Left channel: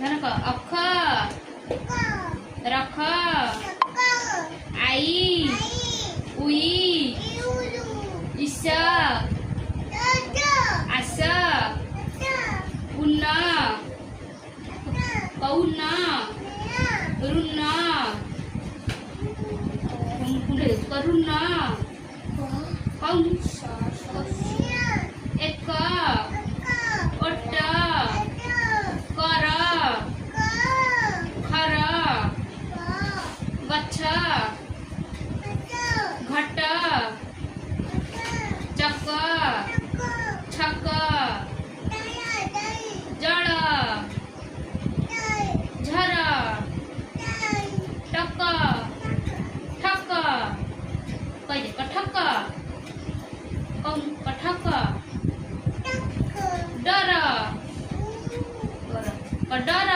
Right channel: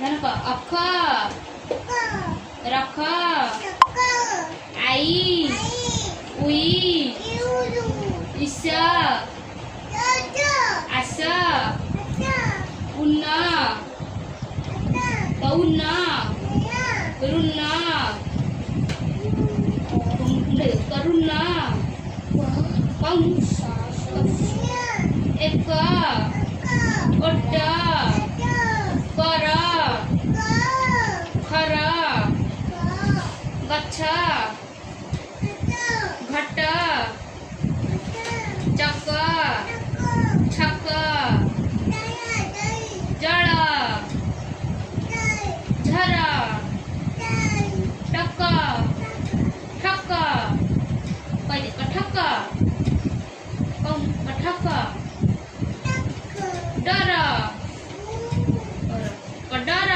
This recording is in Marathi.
म्हणा का अख रख आई उई इस आस उन्न कौन रुन्न करुण कंस एक ओट कर खर गच्छ घट चक छक जळ झर टक ठक पहिले कठक कठक डर कडर